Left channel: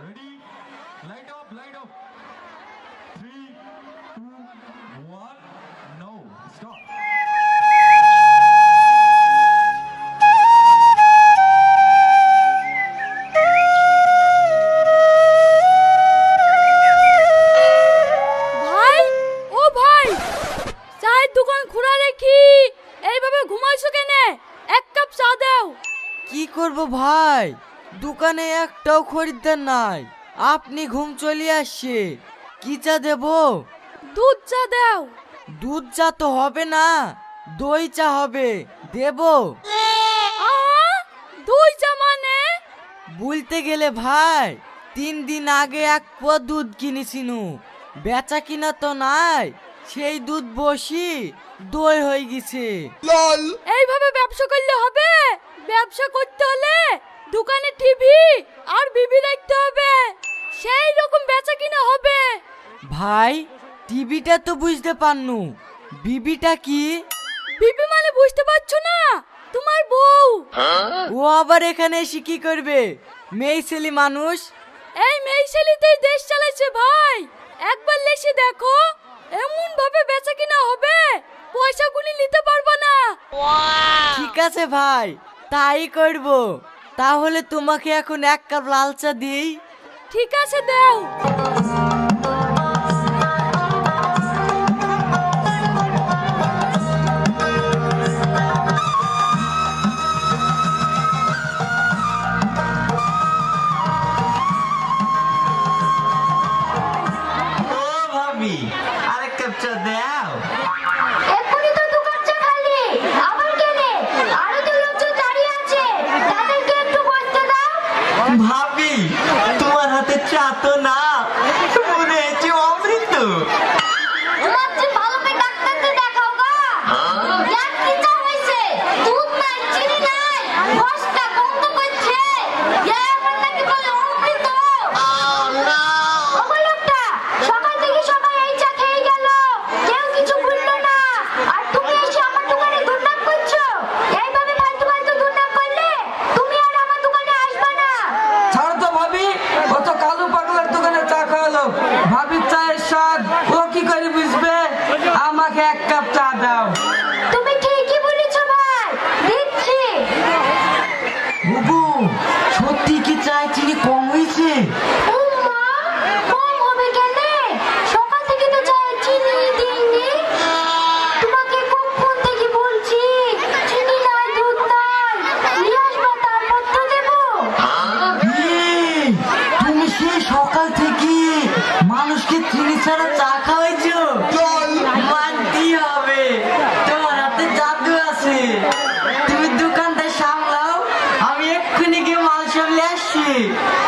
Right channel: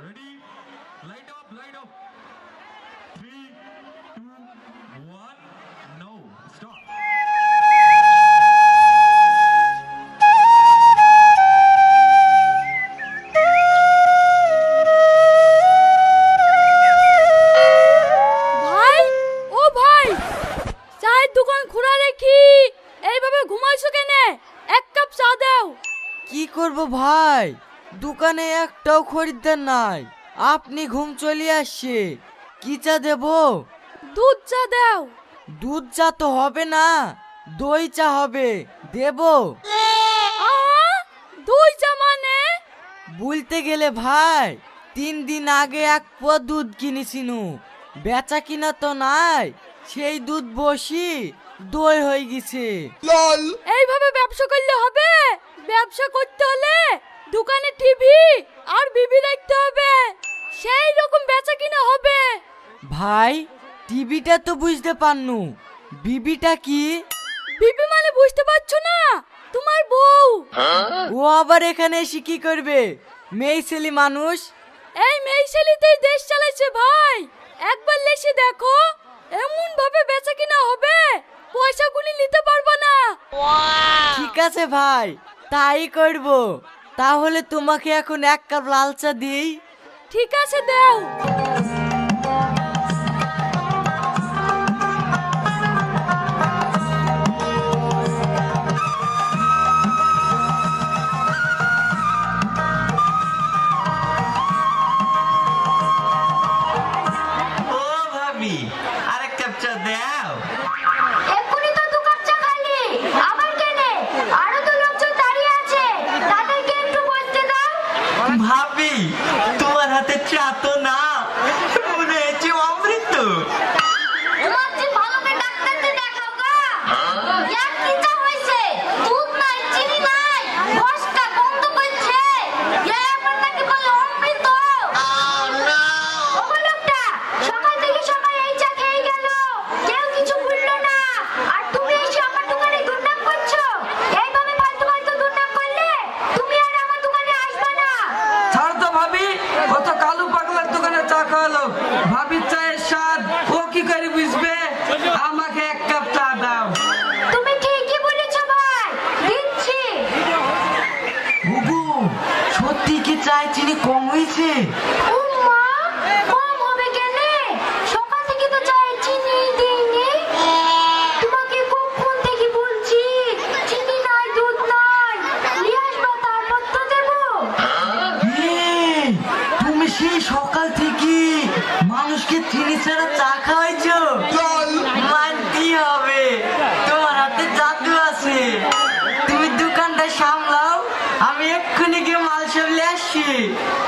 ready? Light up, light up. 3, 2, 1. No, stop. ভাই, ও ভাই, চায়ের দোকান খোলা রেখি এইভাবে ঘুমাইছো কেনে? এক কাপ চা দাও। কি করব ভাই, দোকানে একটাও খরিদ্দার নাই। আপনি ঘুম চলে আসছে, কি চা দেব? দুধ চা দাও। দুধ চা তো হবে না, দই চা হবে, দেব? দুই চা মানে? বলতে গেলে ভাই, 3 দিন আগে এক পোয়া দুধ কিনেছিনু, বেচা কিনা তো নাই, সেই দুধ বসি দই হয়ে গেছে। এইভাবে ব্যবসা করলে হবে? ব্যবসা করতে হলে দোকানে টিভি আর বিবি রাখতে হবে, সেই রকম বেচা কিনা হবে। ভাই, টিভিটা তো বুঝতে পারনু, বিবিটা কি? বিবি মানে বুঝতে পারছো না? তোমার বউ। ও আবার এখানে এসে কি করবে? মেয়ে ছেলে মানুষ। এই মেয়ে ছেলেতেই দেশ চালাচ্ছে ভাই, একবার লেসে দেখো, এমন ভাবে বেচা কিনা হবে পয়সা গুলি নিতে পারবো না। ঠিক আছে ভাই, তাই করব। তাহলে তোমাকে এখন 1 কাপ লাল চা দিই। ঠিক আছে দাও। ও ভাবি, আরেক কাপ চা দাও। এক্ষুনি তো 2 কাপ চা খালি, আবার কেনে? আরো তো লোকজন দাঁড়িয়ে আছে, তাদেরকে একটু বসতে দাও। ভাবি, তোমার হাতে চা তো না, মনে হচ্ছে অমৃত। তোমার যে ভালো করে ডাক্তারকে দেখাও গা। এক কি চা হইছে? দুধ নাই, চিনি নাই, বসটা বন্ধ করছে। আমার নাকি বলে অমৃত। ওগো লোকটা, সকাল থেকে সবাই এই চা খেয়ে গেল, কেউ কিছু বললো না, আর তুমি এসে আমার দোকানে দুর্নাম করছো। এইভাবে ফালতু ফালতু দুর্নাম করলে তুমি আর আমার দোকানে আসবে না। ছাড় তো ভাবি, ও তো কালু পাগলার দোকানে চা খাওয়ালো। ভাবির চায়ের স্বাদ ও কি করে বুঝবে? আমাকে 1 কাপ চা দাও। তুমি ঠিকই বলেছো ভাই, দিচ্ছি। বুবু, সত্যি কি চায় চিনি কম হয়েছে? ও মা, কম হবে কেনে? সকাল থেকে তো চায়ে চিনি দিইনি। তোমাকে কখন থেকে বলছি চিনি নাই, দুধ নাই, নিয়ে আসবো, তারপর তো দেবো। এই, তুমি সেই সকাল থেকে মানুষকে চিনি ছাড়া চা খাওয়াইছো? মানতেই হবে, তোমার হাতে জাদু আছে। তুমি দোকানটা সামলাও, আমি এক্ষুনি গিয়ে মাল সামলে আসছি।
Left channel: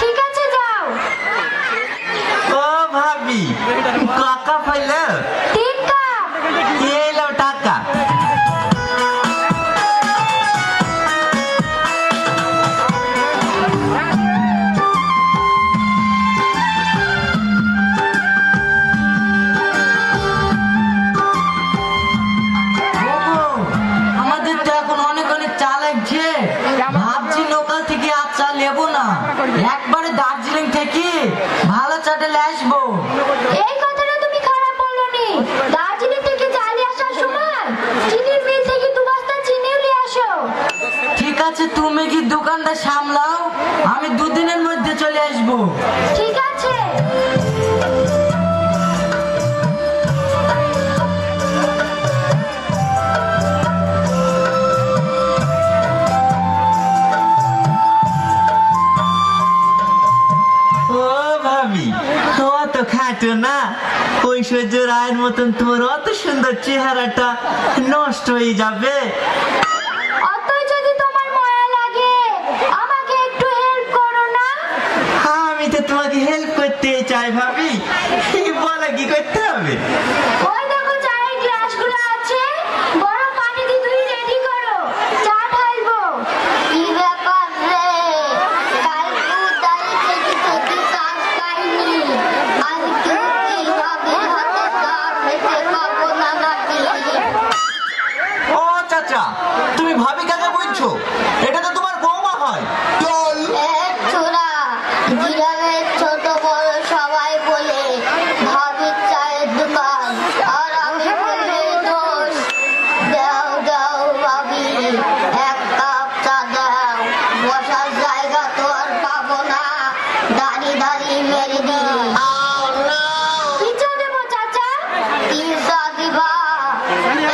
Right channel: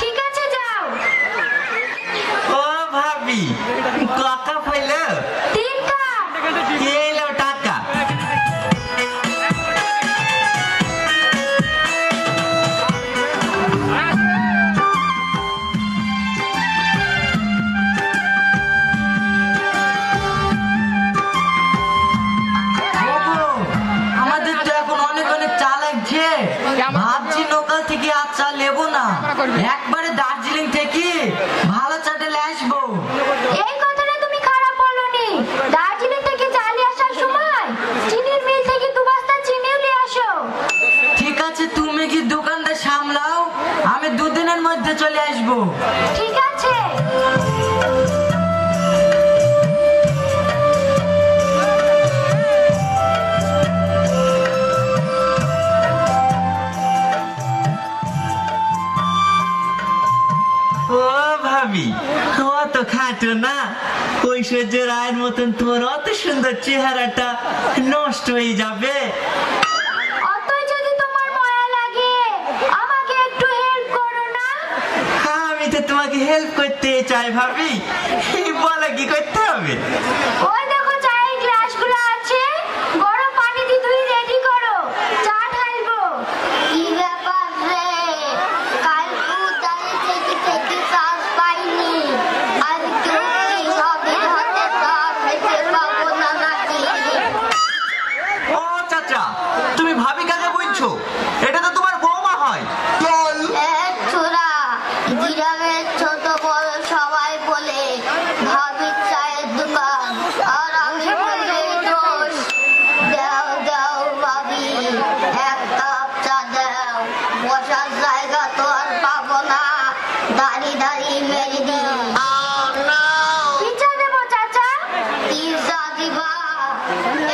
ঠিক আছে, যাও। ও ভাবি, টাকা পাইলো? 3 কাপ। এলো টাকা। বাবু, আমাদের তো এখন অনেক অনেক চা লাগছে, ভাবছি লোকাল থেকে আর চা নেবো না, একবারে দার্জিলিং থেকে ভালো চাটা নিয়ে আসবো। এই কথাটা তুমি খারাপ বলোনি। দার্জিলিং থেকে চালে আসার সময় চিনির মিল থেকে 2 বস্তা চিনিও নিয়ে আসো। ঠিক আছে, তুমি কি দোকানটা সামলাও, আমি 2 দিনের মধ্যে চলে আসবো। ঠিক আছে। ও ভাবি, অত খাটো না, ঐশ্বর্য রায়ের মতন তোমার অত সুন্দর চেহারাটা নষ্ট হয়ে যাবে। অতই যদি তোমার মায়া লাগে, আমাকে একটু হেল্প করো না। আমি তো তোমাকে হেল্প করতে চাই ভাবি, বলা কি করতে হবে? ওই দেখো চায়ের গ্লাসগুলো আছে, গরম পানি দিয়ে ধুয়ে রেডি করো, চা ঢালবো। কি ব্যাপার রে, কাল কোথায় থেকে থেকে কাজ পাইনি, আজকে সবের হাতে কাজ থেকে যাবো না নাকি? ও চাচা, তুমি ভাবি কাকে বলছো? এটা তো তোমার বৌমা হয়। ছোড়া, জিরাবে গ্রামের ছোট বড় সবাই বলে ভাবির চায়ের দোকান, আর আমি বলি দোষ। দাও দাও ভাবি, এক কাপ চা দাও, বসার জায়গা তো আর পাবো না, দাঁড়িয়ে দাঁড়িয়ে মেরে দিই। কি চা দেবো চাচা? কি চা দিবা?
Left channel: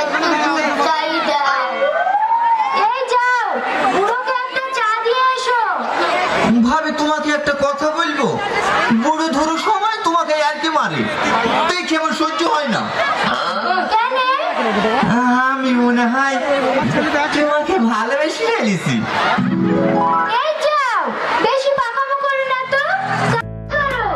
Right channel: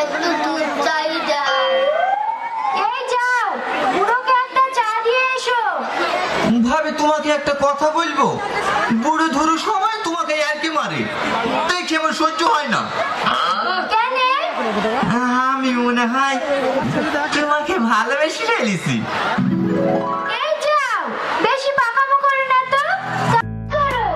একটু দুধ চাই দাও। এই যাও, বুড়োকে একটা চা দিয়ে এসো। ভাবি তোমাকে একটা কথা বলবো, বুড়ো ধরো সময় তোমাকে আর কি মারে, দেখে আমার সহ্য হয় না। কেন? আমি মনে হয় তোমাকে ভালোবেসে ফেলেছি। এই যাও, বেশি পাকামো করো না তো। করো।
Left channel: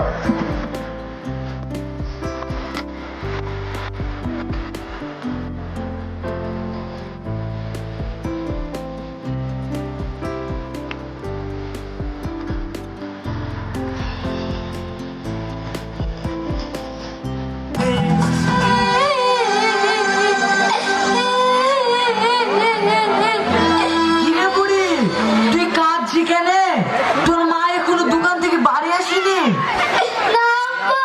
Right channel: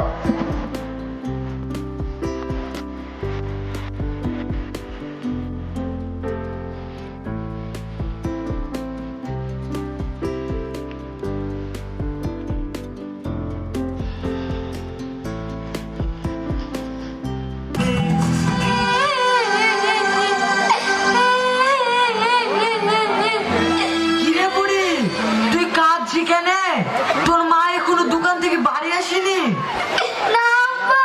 কিরে বুড়ি, তুই কাঁদছি কেন? তোর মা এখনো দোকান থেকে বাড়ি আসেনি? না আব্বা,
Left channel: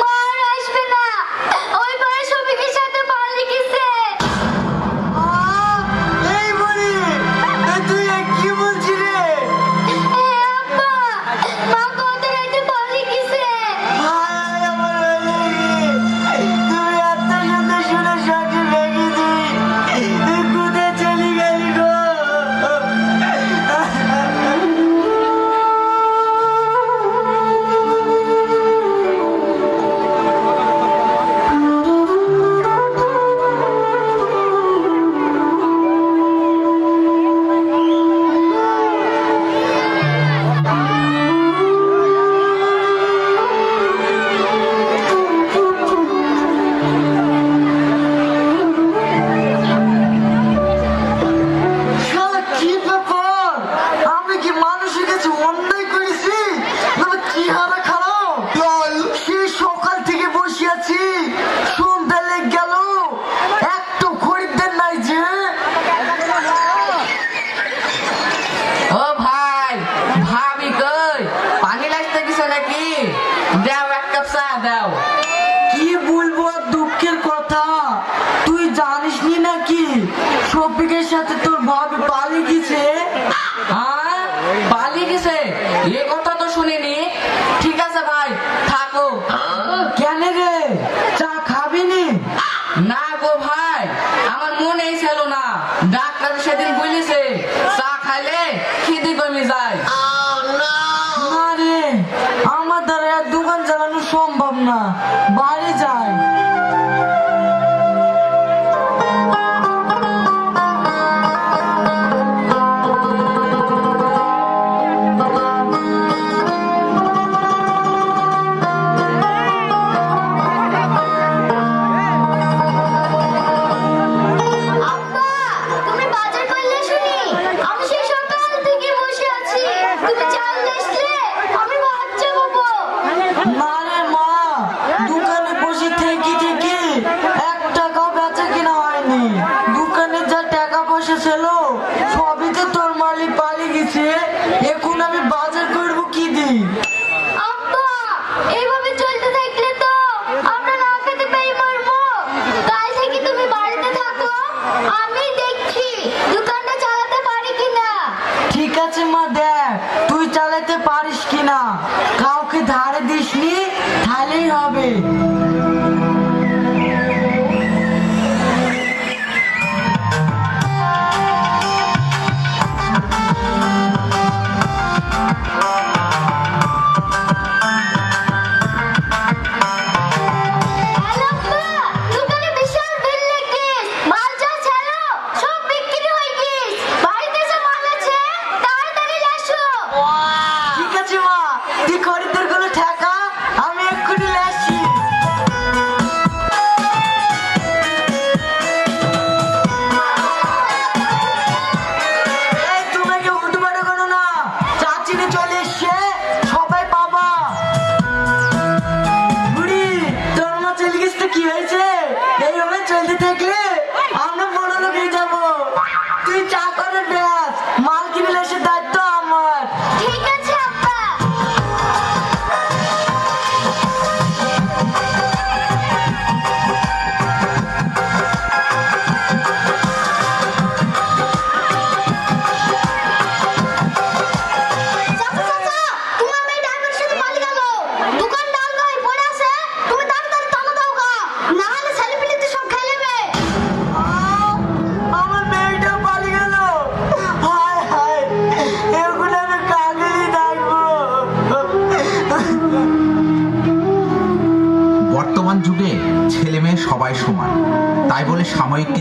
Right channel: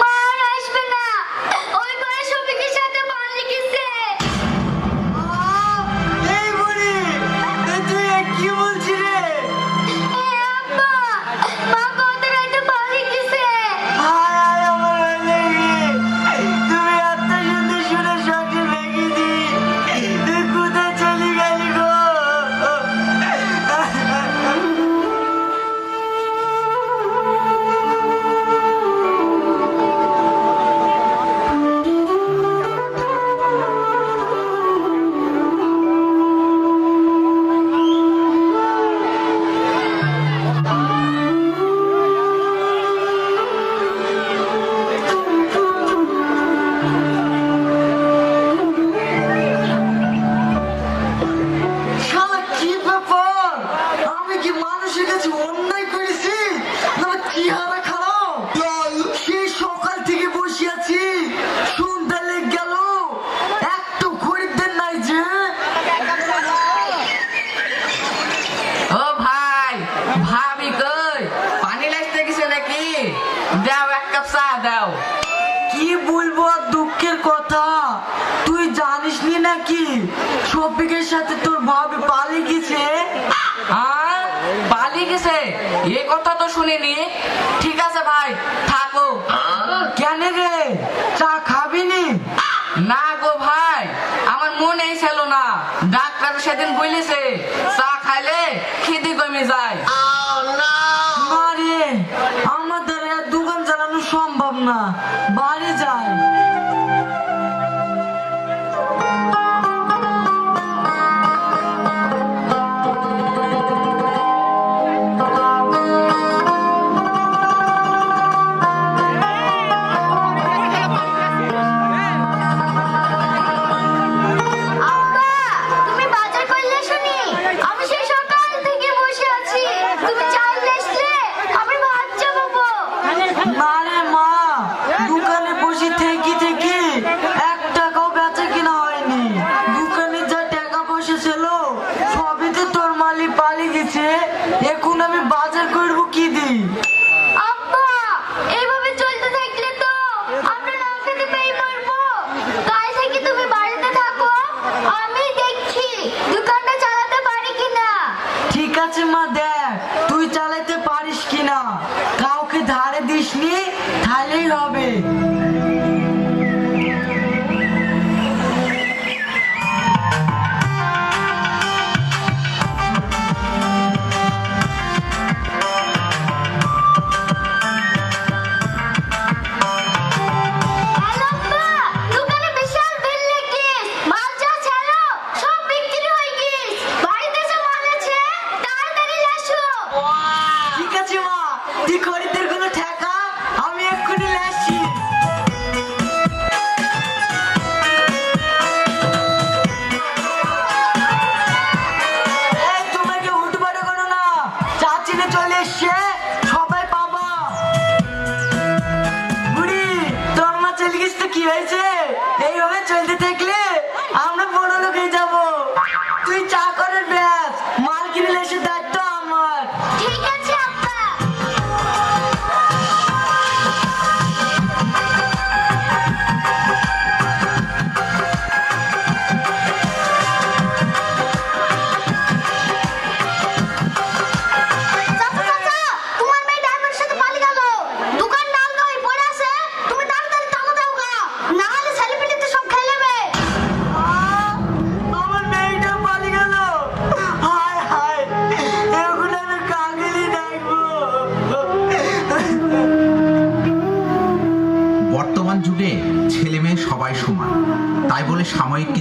মা আর আসবে না। ওই বড় শফিকের সাথে পাল্লি গেছে। এই বুড়ি, তুই এ কি বলছিস রে? আব্বা, মা কত রাতে পাল্লি গেছে। হায় হায় আমার ওলেরি, তুমি এত সুন্দর সুন্দর সাথে রেখেছি, তুই কোথায় চলে গেলি গো? শালা কি ব্যাপার? আমি কি মানুষের কাছে অন্যায় করেছি? না চেহারা খারাপ? সেই সকাল থেকে বসে আছি, সন্ধ্যা লেগে গেল, একটু খরিদ্দার নাই যে। ও ভাই, ভাবি কই? পানি লাগতে গেছে নাকি? দাও এক কাপ চা দাও। কি বলবো আর দুঃখের কথা, তুই জানিস নি নাকি শফিকের সাথে তোর ভাবি পালিয়ে গেছে? আর পালিয়ে গেছে? এ কথা তো শুনিনি। ঠিক আছে ভাই, থাকো। কেন রে, চা খাবি নি? না গো ভাই, আমার মনেই ছিল না। ডাক্তার সেদিন বলেছে চা খাইলে খিদে কমে যায়। না রে, আমার দ্বারা আর দোকান চালানো সম্ভব না, বাড়ি যাই। আব্বা, তুমি বাজার করলে শুনি? আমি সেই সকাল থেকে বসে আছি। তুমি চাল আসলে আমি ভাত চাপাবো। না রে মা, দোকানে বসে থেকে থেকে 1 টাকাও বেচা কিনা হয়নি। দোকানে যা টাকা পয়সা ছিল সবই তো তোর মালিক পালিয়ে গেছে, এখন আমি বাজার করবো কি দিই? আব্বা, এইভাবে চলতে থাকলে তো আমরা না খেতে পেয়ে মরবো। কাল থেকে তুমি বাড়িতে থাকো, আমি দেখছি দোকানটা চালাতে পারি কিনা। ঠিক আছে মা, দেখ তুই চালাতে পারিস কিনা, কাউকে ধারে দিসনি, তাহলেই হবে। হ্যালো আব্বা, দোকানে বিশাল বিল লেগে মাল যা ছিল সব বিক্রি হয়ে গেছে। বাড়িতে যে মাল আছে তাড়াতাড়ি আসো। ঠিক আছে মা, তুই খরিদ্দার গুলো ঠেকা, আমি এক্ষুনি আসছি। এই তোমরা কেউ হুটপাটা করো না, চাচি তো চলে এসছে, সবাই পাবা। বুড়ি, তোর মা চলে গেছে তো কি হয়েছে? এইভাবে চলতে থাকলে আমরা বড় লোক হয়ে যাবো। তুই চা করে ব্যাস, মাল কিনে এসে দায়িত্ব আমার। ঠিক আছে আব্বা।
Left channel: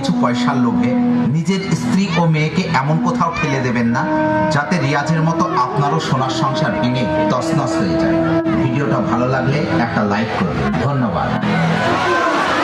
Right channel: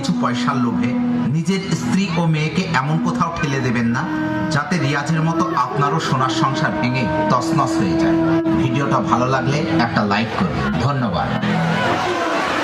কিছু পয়সার লোভে নিজের স্ত্রী ও মেয়েকে এমন কোথাও ফেলে দেবেন না যাতে রিয়াজের মতো আপনারও সোনার সংসার ভেঙে তছনছ হয়ে যায়। ভিডিওটা ভালো লাগলে একটা লাইক করুন। ধন্যবাদ।